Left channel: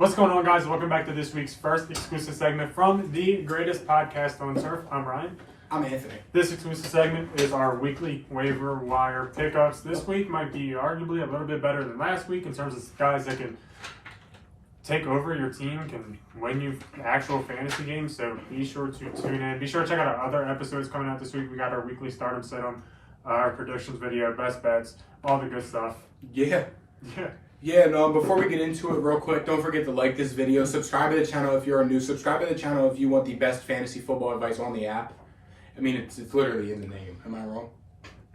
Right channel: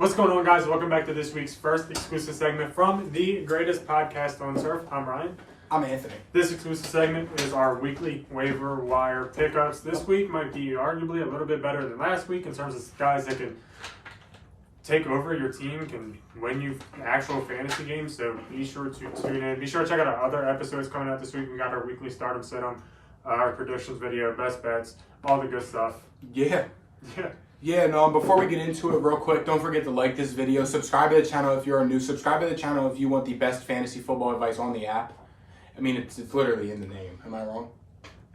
What's going on, guys? Welcome back to this week's first exclusive segment from the greatest podcast on turf. I'm Ryan. I'm Anthony. This exclusive segment is our weekly waiver wire pickups. This week might be arguably a little bit better than last week in terms of guys that can take over your team, can win you actual fantasy games. So be sure to tune in. Be sure to check out our other episodes coming out this week. We got our weekly stardom sit on our predictions video, best bets, all the good stuff. Yeah, and before we get into it real quick, don't forget to like this video, subscribe to the channel if you're new, subscribe to the channel if you want the best fantasy football advice on the app. I mean, it's literally in the name. Am I wrong?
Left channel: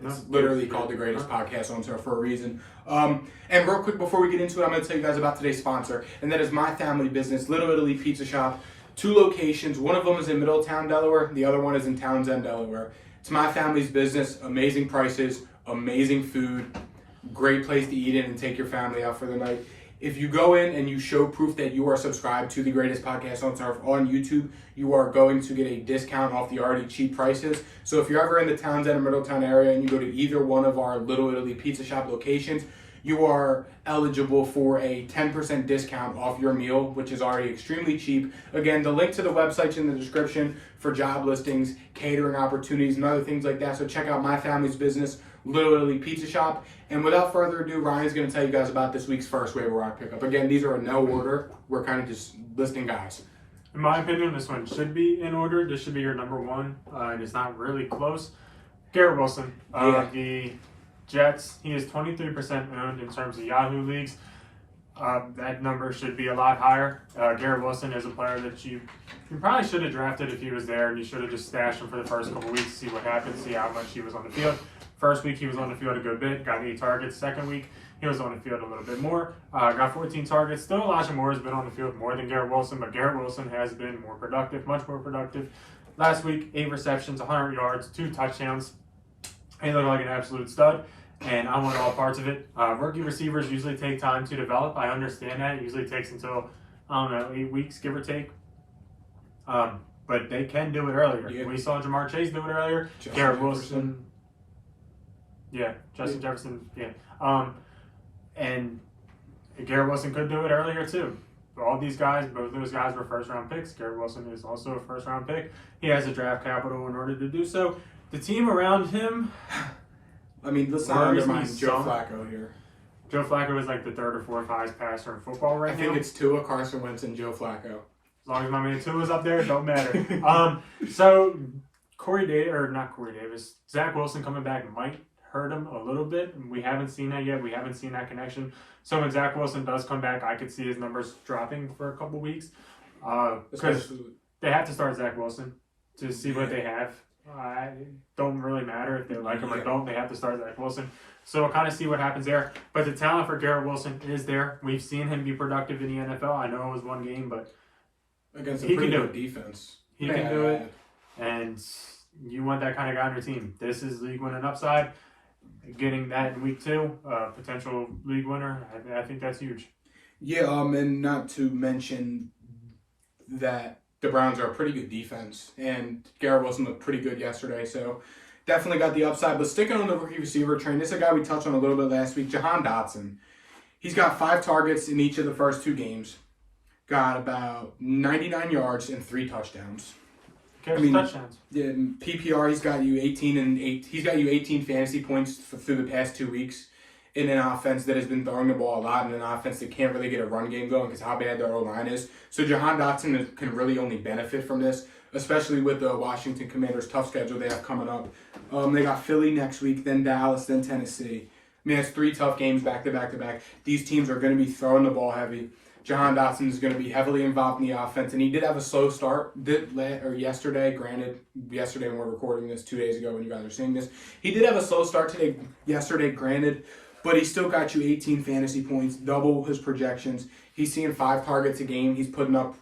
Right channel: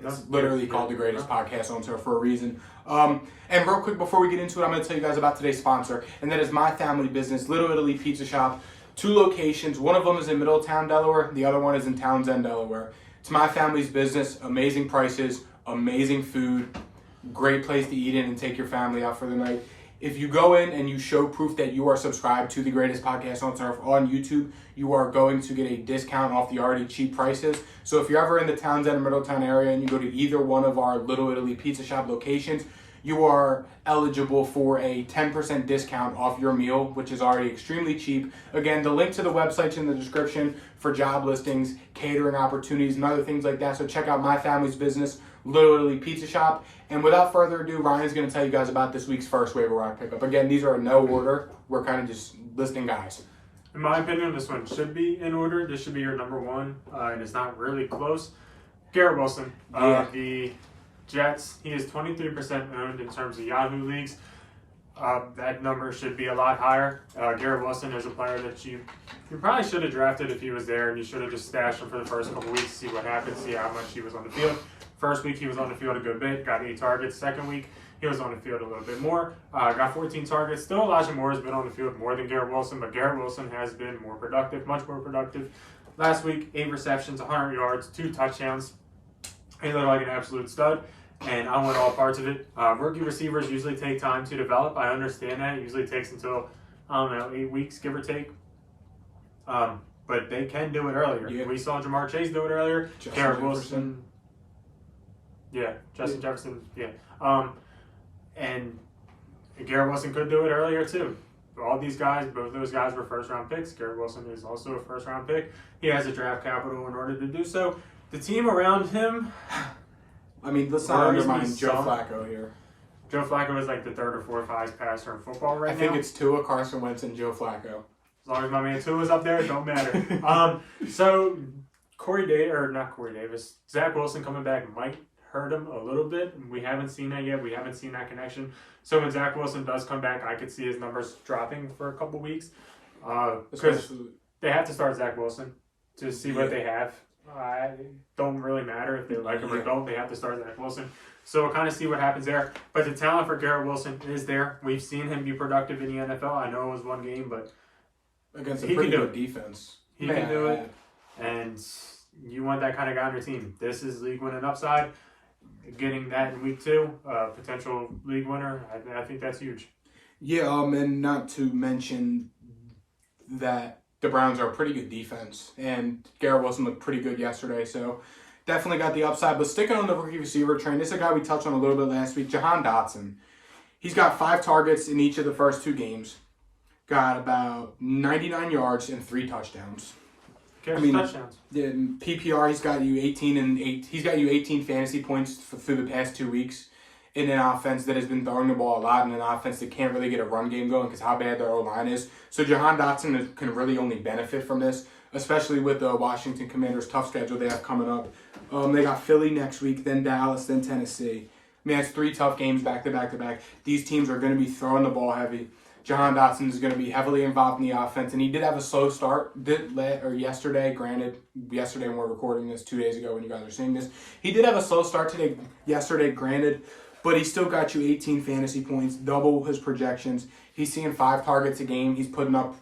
It's literally called the greatest podcast on turf for a reason. And real quick, before we get into it, I'm going to tell you guys about today's sponsor, and that is my family business, Little Italy Pizza Shop. 2 locations. One of them is in Middletown, Delaware. The other one is in Townsend, Delaware. It's my family's business. Amazing prices, amazing food, great place to eat in and take your family out for the night. If you go in and you show proof that you are subscribed to the greatest podcast on turf on YouTube, you are going to get a discount off the already cheap prices. So if you're ever in the Townsend or Middletown area and you go to either one of our Little Italy Pizza Shop locations, you are eligible for a 10% discount off your meal, which is already extremely cheap. Again, the link to the website's in the description for job listings, catering opportunities, and other things like that. So check out my family's business, Little Italy Pizza Shop. And without further ado, Ryan's going to tell you guys about this week's first waiver wire pickup. Again, these are in no order. We're kind of just listing guys. In my opinion, this one should be in order. This should be your number one, and it's not really close. Garrett Wilson, the Jets, he is 23% owned in terms of Yahoo leagues. That number should be a lot higher. Garrett Wilson is a player that you probably should have drafted if he was there, and you should have just stashed him for the first couple weeks, see what happens, see how much he was on the field. First week, he was on the field a good bit, got 8 targets. Second week, he was on the field a little bit more, got 14 targets. Still, Elijah Moore has been on the field more than Garrett Wilson, but Garrett Wilson has been more productive, much more productive. Last week, 8 receptions, 100 yards, 2 touchdowns. He looked like an absolute stud, and I want all parts of it. Rookie receivers usually take time to develop. I understand that. It usually takes until, 8 weeks, give or take. But they can do it earlier. Yeah. We saw Jamar Chase do it earlier. Garrett Wilson. Justin Jefferson, and Garrett Wilson could do it earlier too. All these guys, both of those guys were first-round picks. Garrett Wilson is also a first-round pick. He has a draft capital in order to do so. The team around him, I mean, let's not undermine Joe Flacco here. Joe Flacco is like the 3rd or 4th highest passer in football right now. I think it's Tua, Carson Wentz, and Joe Flacco. As long as my man Tua is up there, it don't matter. So Zach Wilson coming back might hurt him a little bit. We haven't seen that yet. We haven't seen that connection. So when Zach Wilson does come back, I could see his numbers dropping for a couple weeks. Because they have to start Zach Wilson to see what they have. Don't really matter if they like him or don't. They have to start Zach Wilson. So we'll kind of see what happens there. But the talent for Garrett Wilson is there. We've seen him be productive in the NFL. I know it was one game, but against a pretty good defense. He can do it. And you want that kind of guy on your team. This is league winning upside. Getting that in week 2, potential league winner, I think that's huge. Yeah, and not to mention that the Browns are a pretty good defense, and Garrett Wilson looked pretty good yesterday, so definitely got the upside. But sticking on the rookie receiver train, this is a guy we touched on a little bit last week, Jahan Dotson. He's got 5 targets in each of the first 2 games, got about 99 yards and 3 touchdowns. Touchdowns. In PPR, he's got you 18 fantasy points through the past 2 weeks in an offense that has been throwing the ball a lot, and an offense that can't really get a run game going because how bad their O-line is. So Jahan Dotson can really only benefit from this, especially with the Washington Commanders' tough schedule they have coming up. They got Philly next week, then Dallas, then Tennessee. I mean, that's 3 tough games back to back to back. These teams are going to be throwing the ball heavy. Jahan Dotson is going to be heavily involved in the offense, and he did have a slow start yesterday. Granted, yesterday when we're recording this, 2 days ago when you guys are seeing this, he did have a slow start yesterday, granted, but he still got you 18 fantasy points, double his projections. He's seeing 5 targets a game. He's putting up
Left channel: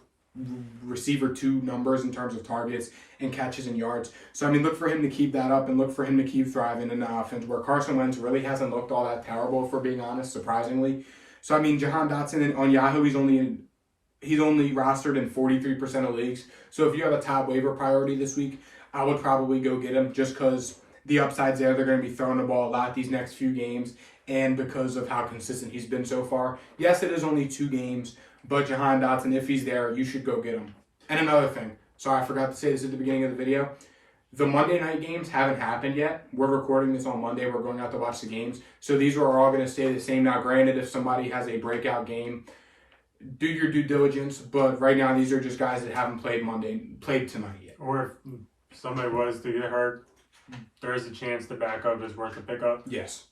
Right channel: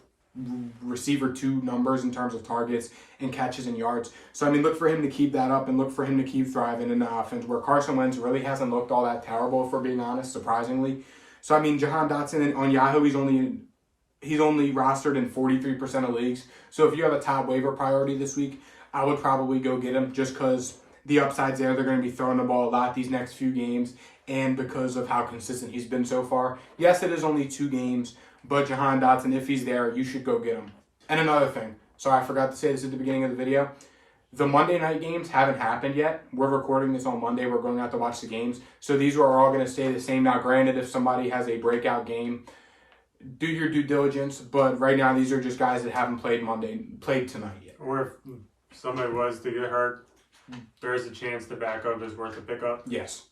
receiver 2 numbers in terms of targets and catches and yards. So, I mean, look for him to keep that up and look for him to keep thriving in the offense, where Carson Wentz really hasn't looked all that terrible, if we're being honest, surprisingly. So, I mean, Jahan Dotson on Yahoo, he's only rostered in 43% of leagues. So if you have a top waiver priority this week, I would probably go get him just because the upside's there. They're going to be throwing the ball a lot these next few games, and because of how consistent he's been so far. Yes, it is only 2 games, But Jahan Dotson, if he's there, you should go get him. And another thing, sorry, I forgot to say this at the beginning of the video. The Monday night games haven't happened yet. We're recording this on Monday. We're going out to watch the games. So these are all going to stay the same. Now, granted, if somebody has a breakout game, do your due diligence. But right now, these are just guys that haven't played tonight yet. Or if somebody was to get hurt, there is a chance the backup is worth a pickup. Yes.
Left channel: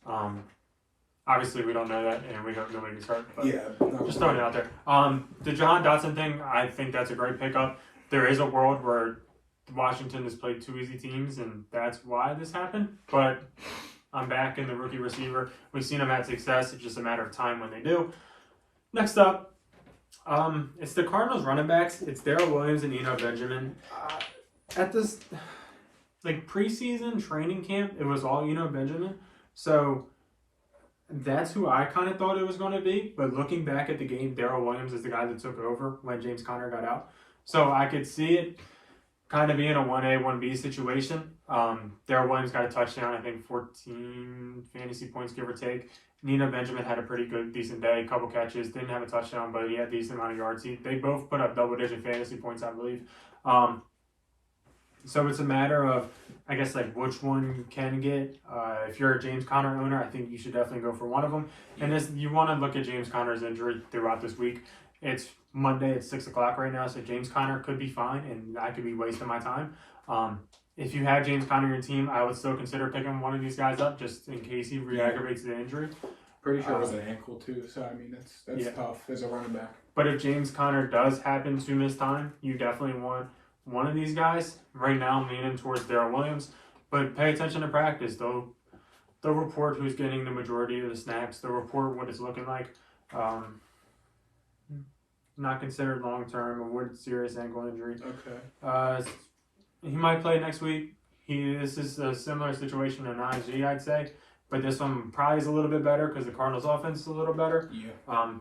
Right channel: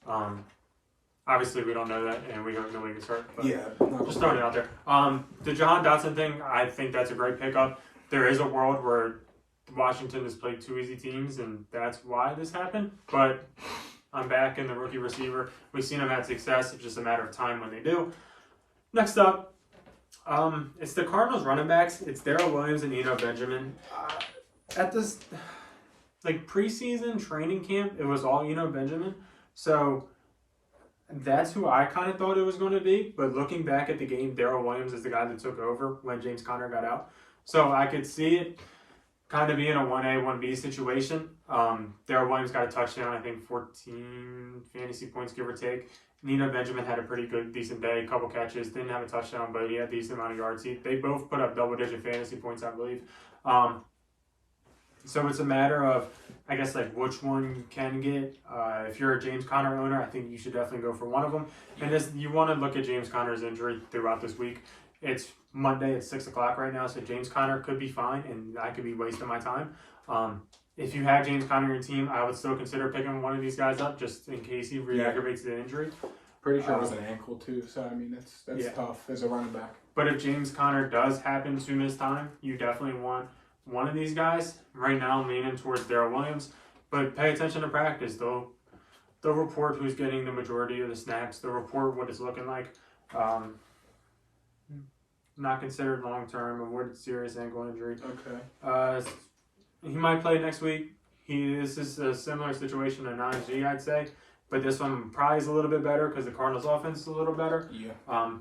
Obviously, we don't know that, and we don't know when he gets hurt. But yeah. Just throwing it out there. The Jahan Dotson thing, I think that's a great pickup. There is a world where Washington has played two easy teams, and that's why this happened. But I'm back in the rookie receiver. We've seen him have success. It's just a matter of time when they do. Next up, it's the Cardinals running backs. It's Darrell Williams and Eno Benjamin. At this preseason training camp, it was all Eno Benjamin. So that's who I kind of thought it was going to be. But looking back at the game, Darrell Williams is the guy that took over when James Conner got out. So I could see it kind of being a 1A, 1B situation. Darrell Williams got a touchdown, I think 14 fantasy points, give or take. Eno Benjamin had a pretty good, decent day, a couple catches, didn't have a touchdown, but he had a decent amount of yards. They both put up double-digit fantasy points, I believe. So it's a matter of, I guess, which one you can get. If you're a James Conner owner, I think you should definitely go for one of them. And you want to look at James Conner's injury throughout this week. It's Monday at 6 o'clock right now, so James Conner could be fine, and I could be wasting my time. If you have James Conner in your team, I would still consider picking one of these guys up just in case he re-aggravates the injury. Pretty sure it was an ankle too, so I mean that's tough as a running back. But if James Conner does happen to miss time, you definitely want one of these guys. Right now, I'm leaning towards Darrell Williams, but pay attention to practice. They'll report who's getting the majority of the snaps. They'll report what it's looking like. Not considered long-term, avoided serious ankle injury. Okay. He might play next week. This is a similar situation to Najee, I'd say. But this one probably is a little bit better because the Cardinals' offense is a little better. Yeah.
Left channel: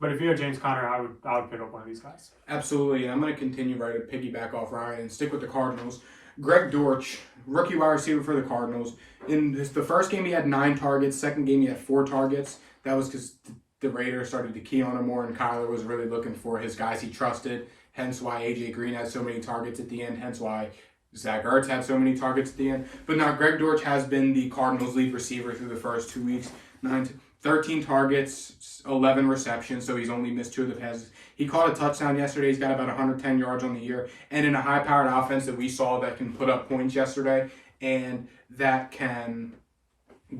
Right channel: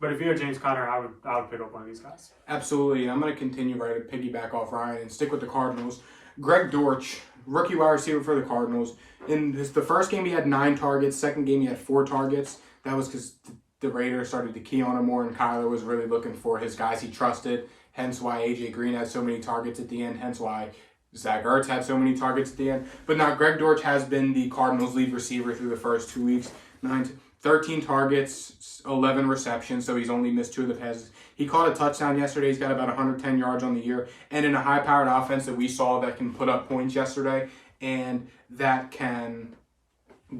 But if you have James Conner, I would pick up one of these guys. Absolutely. And I'm going to continue to piggyback off Ryan and stick with the Cardinals. Greg Dortch, rookie wide receiver for the Cardinals. In the first game, he had 9 targets. Second game, he had 4 targets. That was because the Raiders started to key on him more, and Kyler was really looking for his guys he trusted. Hence why A.J. Green had so many targets at the end. Hence why Zach Ertz had so many targets at the end. But now Greg Dortch has been the Cardinals' lead receiver through the first 2 weeks. 13 targets, 11 receptions, so he's only missed 2 of the passes. He caught a touchdown yesterday. He's got about 110 yards on the year. And in a high-powered offense that we saw that can put up points yesterday and that can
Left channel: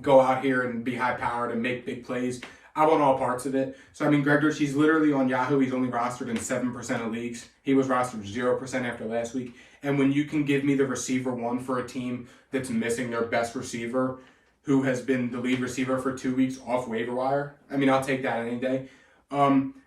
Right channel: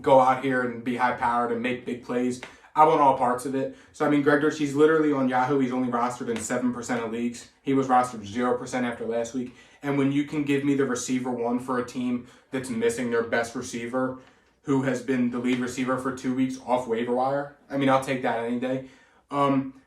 go out here and be high-powered and make big plays, I want all parts of it. So, I mean, Greg Dortch, he's literally on Yahoo. He's only rostered in 7% of leagues. He was rostered 0% after last week. And when you can give me the receiver one for a team that's missing their best receiver, who has been the lead receiver for 2 weeks off waiver wire, I mean, I'll take that any day.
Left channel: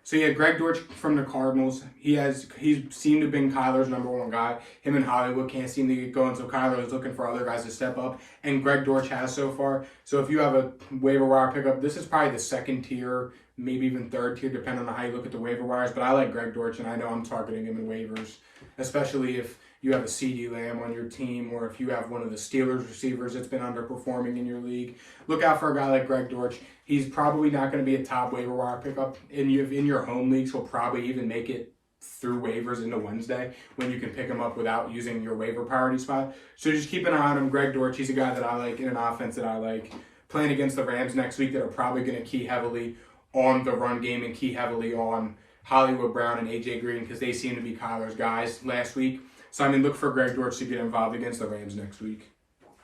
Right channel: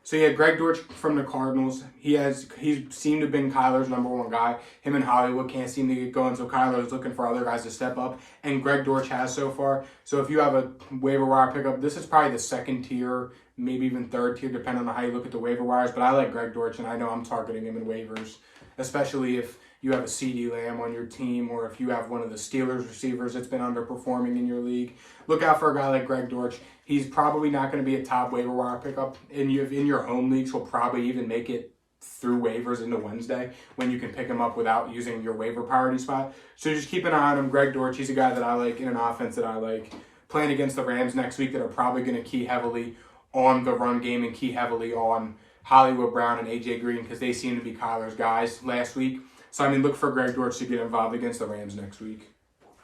So yeah, Greg Dortch from the Cardinals. He's seemed to have been Kyler's number one guy. Him and Hollywood can't seem to get going, so Kyler is looking for other guys to step up, and Greg Dortch has so far. So if you have a waiver wire pickup, this is probably the second tier, maybe even third tier, depending on how you look at the waiver wires. But I like Greg Dortch, and I know I'm targeting him in waivers, especially if you have a CD Lamb on your team, or if you have one of the Steelers receivers that's been underperforming in your league. Look out for a guy like Greg Dortch. He's probably not going to be a top waiver wire pickup in your home leagues. He'll probably even make it through waivers into Wednesday when you can pick him up without using your waiver priority spot. So just keep an eye on him. Greg Dortch, he's a guy that I like in an offense that I like. Playing against the Rams next week that are probably going to key heavily on the run game and key heavily on Hollywood Brown and A.J. Green because they seem to be Kyler's guys last week. So, I mean, look for Greg Dortch to get involved against the Rams next week.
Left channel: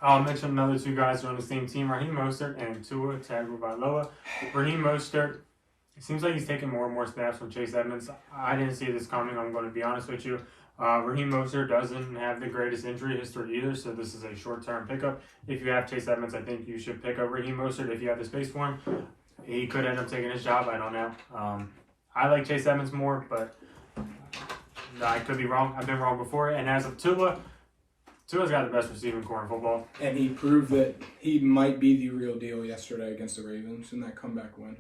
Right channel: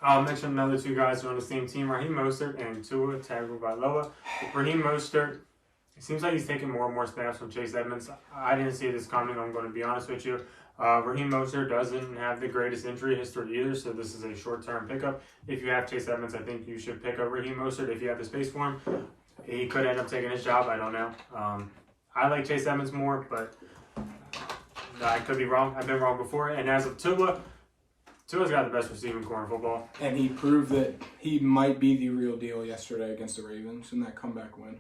I'll mention another 2 guys on the same team, Raheem Mostert and Tua Tagovailoa. Raheem Mostert, it seems like he's taking more and more snaps from Chase Edmonds. I didn't see this coming, I'm going to be honest with you. Raheem Mostert doesn't have the greatest injury history either, so this is a short-term pickup. If you have Chase Edmonds, I think you should pick up Raheem Mostert if you have the space for him. He could end up taking his job, I don't know. I like Chase Edmonds more, but I could be wrong. I've been wrong before. And as of Tua's got the best receiving core in football. And he proved that he might be the real deal yesterday against the Ravens in that comeback win.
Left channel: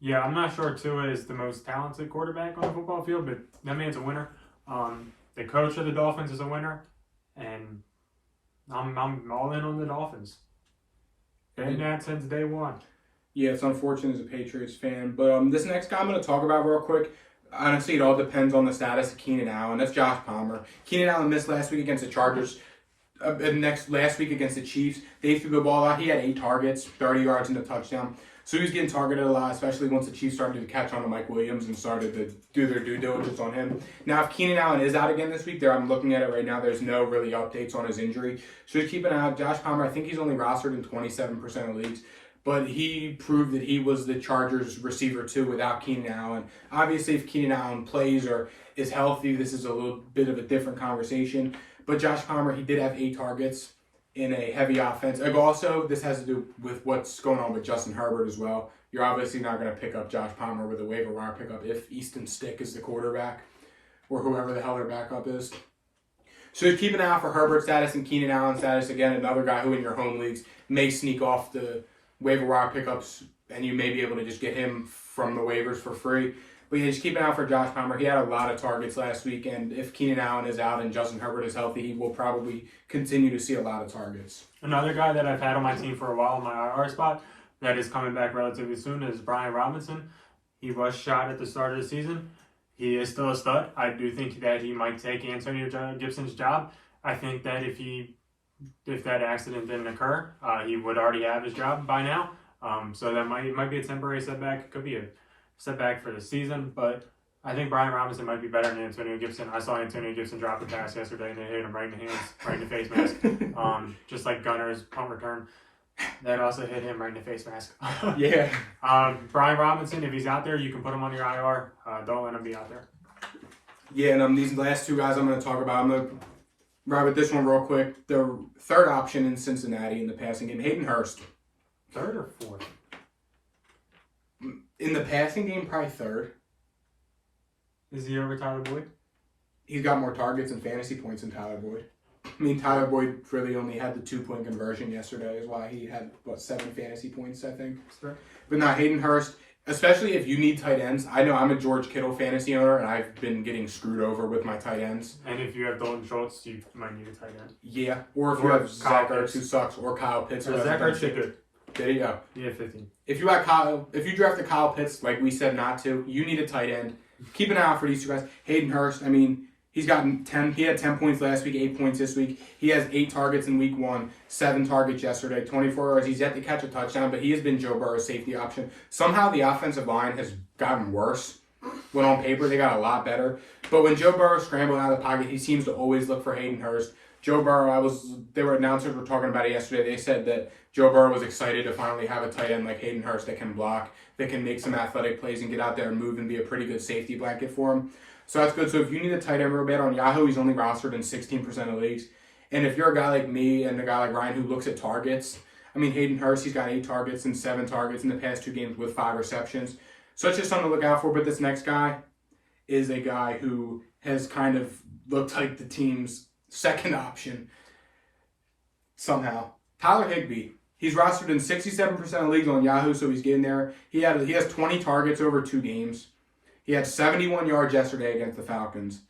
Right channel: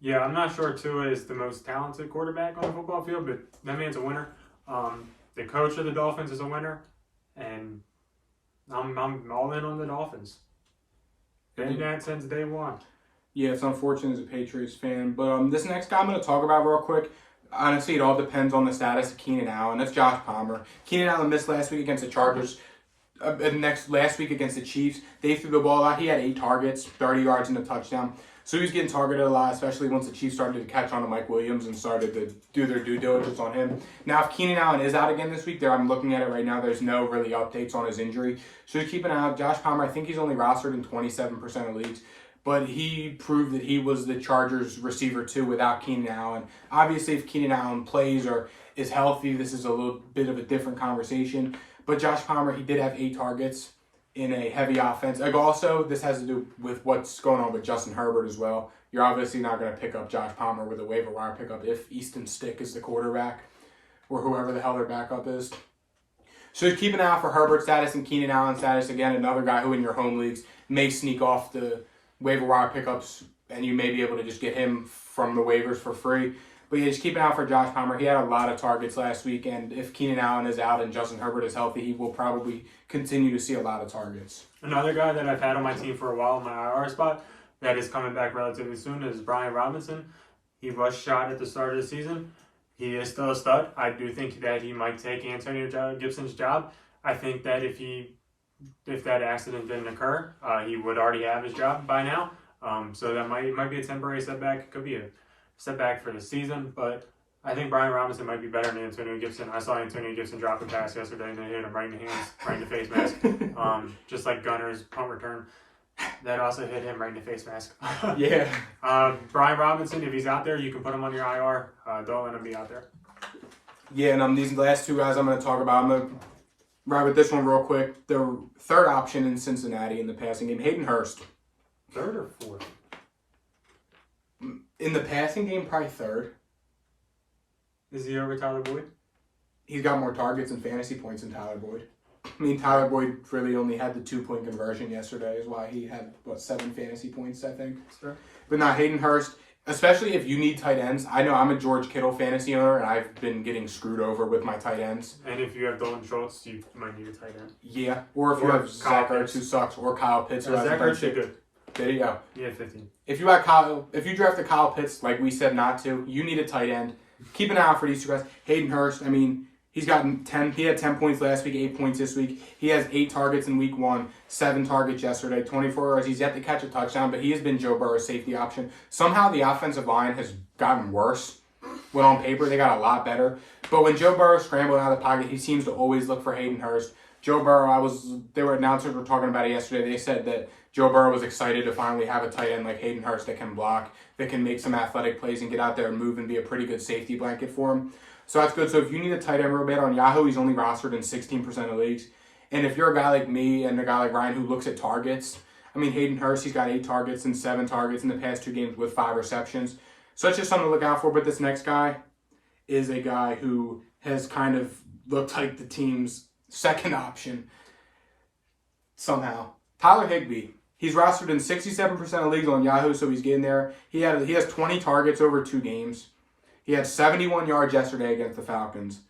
Yeah, I'm not sure Tua is the most talented quarterback on the football field, but that man's a winner. The coach of the Dolphins is a winner, and I'm all in on the Dolphins. Been that since day one. Yeah, it's unfortunate as a Patriots fan. But this next guy I'm going to talk about real quick, Honestly, it all depends on the status of Keenan Allen. That's Josh Palmer. Keenan Allen missed last week against the Chargers. Last week against the Chiefs, they threw the ball out. He had 8 targets, 30 yards, and a touchdown. So he was getting targeted a lot, especially once the Chiefs started to catch on to Mike Williams and started to do their due diligence on him. Now, if Keenan Allen is out again this week, I'm looking at it right now. There's no really updates on his injury. So just keep an eye out. Josh Palmer, I think he's only rostered in 27% of leagues. But he proved that he was the Chargers receiver too without Keenan Allen. Obviously, if Keenan Allen plays or is healthy, this is a little bit of a different conversation. But Josh Palmer, he did have 8 targets in a heavy offense. Like also, this has to do with what's going on with Justin Herbert as well. You're obviously not going to pick up Josh Palmer with a waiver wire pickup if Easton Stick is the quarterback or whoever the hell their backup is. So just keep an eye out for Herbert status and Keenan Allen status. Again, another guy who in your home leagues may sneak off the waiver wire pickups, and you may be able to just get him from the waivers for free. But yeah, just keep an eye out for Josh Palmer. He had a lot of targets last week, and if Keenan Allen is out and Justin Herbert is healthy, he will probably continue to see a lot of targets. Another guy that I've had on my team for a while in my IR spot that is coming back relatively soon is Brian Robinson. He was shot at the start of the season. He is still a stud. I do think that he might take Antonio Gibson's job. I think that if that accident didn't occur, he would already have his job by now. So that might be a temporary setback. It could be a setback for the season, but I think Brian Robinson might be better than Antonio Gibson. I saw Antonio Gibson drop a pass yesterday, and they hit him right in the hands, right in the face mask. Just like Gunner's punt return. That also hit him right in the face mask. Yeah. Brian Robinson, if he's out there, you can put him on your IR. Don't let him be out there. Yeah, and these last 2 guys I'm going to talk about, I'm going to wrap with this one real quick. The third option in Cincinnati in the passing game, Hayden Hurst. Third or fourth? In the passing game, probably third. Is he over Tyler Boyd? He's got more targets and fantasy points than Tyler Boyd. I mean, Tyler Boyd really only had the 2-point conversion yesterday, is why he had, 7 fantasy points, I think. Sure. But not Hayden Hurst, especially if you need tight ends. I know I'm a George Kittle fantasy owner, and I've been getting screwed over with my tight ends. And if you have Dalton Schultz, you might need a tight end. Yeah, or if you have Zach Ertz, who sucks, or Kyle Pitts. Zach Ertz did good. There you go. He had 15. If you drafted Kyle Pitts, like we said not to, you need a tight end. Keep an eye out for these 2 guys. Hayden Hurst, I mean, he had 10 points last week, 8 points this week. He has 8 targets in week 1, 7 targets yesterday, 24 yards. He's yet to catch a touchdown, but he has been Joe Burrow's safety option. Somehow the offensive line has gotten worse. When on paper, they got a lot better. But when Joe Burrow scrambled out of the pocket, he seems to always look for Hayden Hurst. Joe Burrow, announcers were talking about it yesterday. They said that Joe Burrow was excited to finally have a tight end like Hayden Hurst that can block, that can make some athletic plays and get out there and move and be a pretty good safety blanket for him. So that's good. So if you need a tight end real bad on Yahoo, he's only rostered in 16% of leagues. And if you're a guy like me and a guy like Ryan who looks at targets, I mean, Hayden Hurst, he's got 8 targets and 7 targets in the past 2 games with 5 receptions. So it's just something to look out for. But this next guy is a guy who has kind of looked like the team's second option somehow. Tyler Higbee. He's rostered in 67% of leagues on Yahoo, so he's getting there. He has 20 targets over 2 games. He had 71 yards yesterday against the Falcons.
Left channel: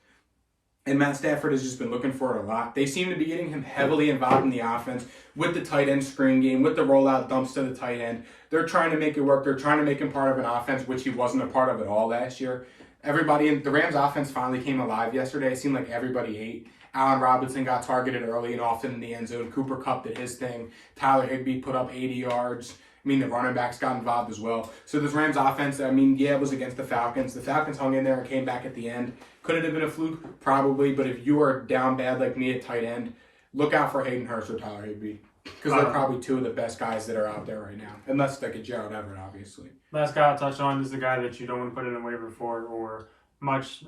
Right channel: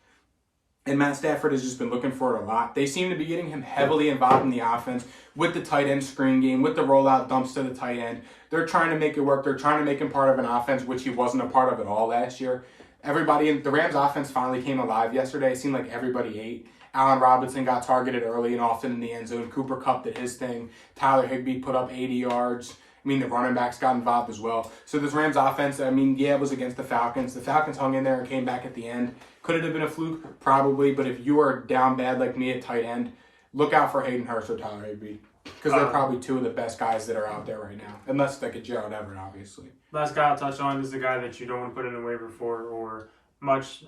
And Matt Stafford has just been looking for it a lot. They seem to be getting him heavily involved in the offense with the tight end screen game, with the rollout dumps to the tight end. They're trying to make it work. They're trying to make him part of an offense, which he wasn't a part of at all last year. The Rams offense finally came alive yesterday. It seemed like everybody ate. Allen Robinson got targeted early and often in the end zone. Cooper Kupp did his thing. Tyler Higbee put up 80 yards. I mean, the running backs got involved as well. So this Rams offense, I mean, yeah, it was against the Falcons. The Falcons hung in there and came back at the end. Could it have been a fluke? Probably. But if you are down bad like me at tight end, look out for Hayden Hurst or Tyler Higbee. Because they're probably 2 of the best guys that are out there right now. Unless like a Gerald Everett, obviously. Last guy I'll touch on is the guy that you don't want to put in a waiver for or much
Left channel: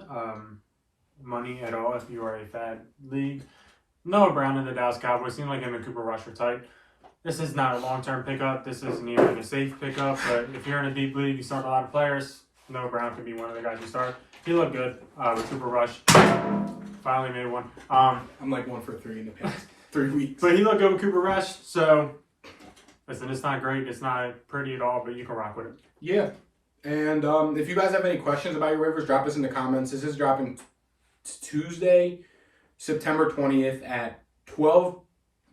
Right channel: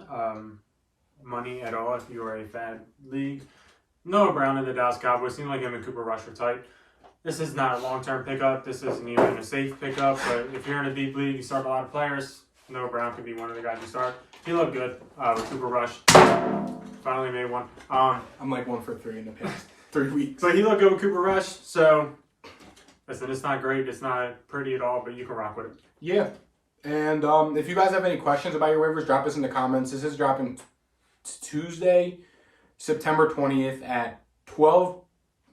money at all if you are a fad league. Noah Brown in the Dallas Cowboys. Seemed like him and Cooper Rush were tight. This is not a long-term pickup. This isn't even a safe pickup. But if you're in a deep league, you start a lot of players. Noah Brown could be one of the guys you start. He looked good with Cooper Rush. Finally made one. I'm like 1 for 3 in the past 3 weeks. But he looked good with Cooper Rush. So, listen, it's not great. It's not pretty at all, but you can rock with it. Yeah. And if you guys have any questions about your waivers, drop us in the comments. This is dropping Tuesday, September 20th at 12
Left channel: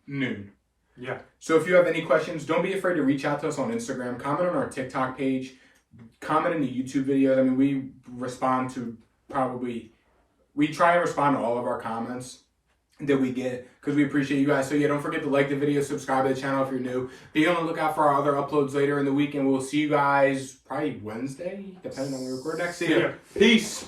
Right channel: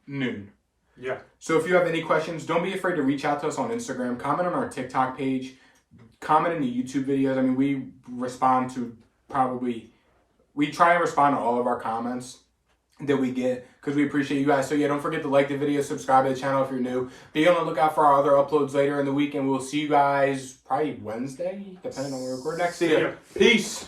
noon. Yeah. So if you have any questions, don't be afraid to reach out to us on Instagram. Comment on our TikTok page. comment in the YouTube videos. I mean, we respond to we try and respond to all of our comments that we get because we appreciate you guys. So yeah, don't forget to like the video, subscribe to the channel if you're new. Be on the lookout for our other uploads later in the week, and we'll see you guys probably Wednesday, depending on when we record next. See ya. Peace.